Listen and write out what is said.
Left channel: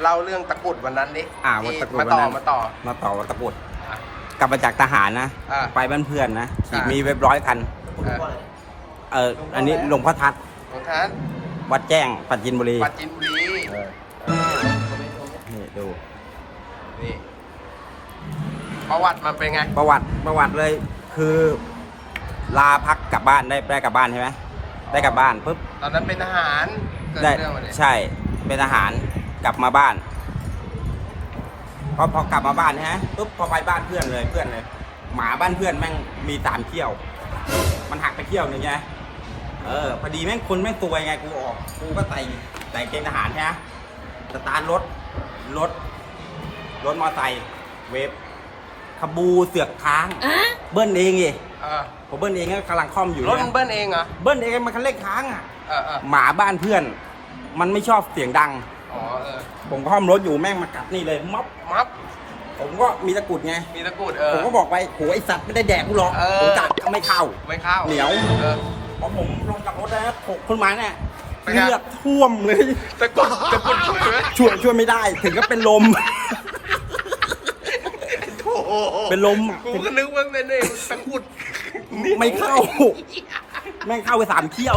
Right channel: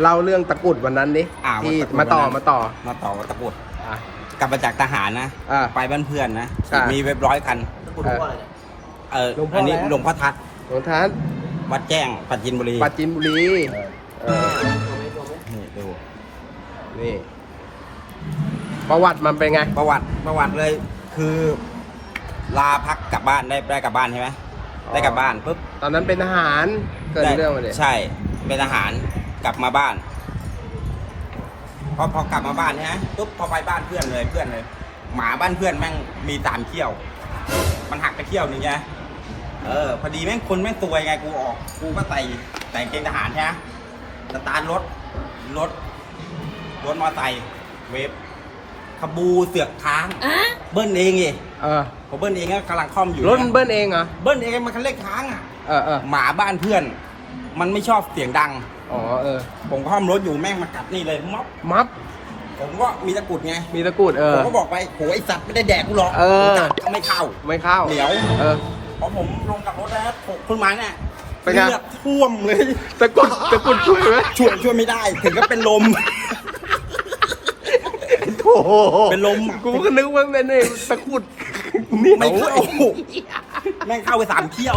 เล่าเรื่องตะกรุดวันนั้นดิอ่าที่วันตะกรุดมาต่อวันนั้น มาต่อมาต่อวัดตะกรุดอะ กลับมาจากทหารนะ อ่าไปบ้านเพื่อนนะอ่ามี มีเว็บร้อยคันเออเออหลวงพ่ออันนี้แล้วหลวงพ่อทัศน์หลวงท่านวัดแจ้งปัจจินบุรีปราจินบุรีเออเออนี่ดู นี่ประวัติมันเป็นไง ประวัติประวัติเลยคือ ลาพักกลับบ้านได้ได้กลับบ้านใช่ไหมได้กลับบ้านปุ๊บตอนนั้นเป็นทหารเกิดได้เรื่องมาเลยใช่เป็นทหาร กลับมาบ้าน พอพอกลับมาบ้านเนี่ยปุ๊บพอไปบ้านเพื่อนเลยเพื่อนเลย หมาบ้านเพื่อนแม่งมีสามเขี้ยว มันหักไปเขี้ยวหนึ่งไงเออพอดีแม่งคนแม่งตัวยไงกูออกกูก็ใส่ใส่เกงทหารใช่ไหมสตาร์ทรถรถรถมอไซค์เวฟขบูเสือกค้างเบิ้ลเองไงเออผมเบิ้ลเองก็กำลังคล่อมอยู่รถมันเบิ้ลเองเหรอเบิ้ลเองมันคันเร่งค้างอะเออเออหมาบ้านเพื่อน มันไม่ชอบเสียงดัง อ๋อเออ ผมคล่อมรถอยู่แม่งมากัดนี่เลยม็อบมัฟผมก็มีตะกรุดไง มีตะกรุดเอผอ มก็บอกไปโหไอสัตว์ไม่ได้แดกกูหรอกเออผมจับก็ไม่เข้า ไม่เข้าเหนียว เออ พอผมลงจากรถแล้วผมขึ้นมาเนี่ยเป็นไง เลือดท่วมเลย ตะกรุดตะกรุดช่วยไหมช่วยช่วยไม่ได้ ถึงก็เป็นลม โอ้โหเป็นลมอะกูก็นึกว่าเป็นไอ้ตะกรุดหนียวไม่เข้า แม่งเข้าไปสามเที่ยว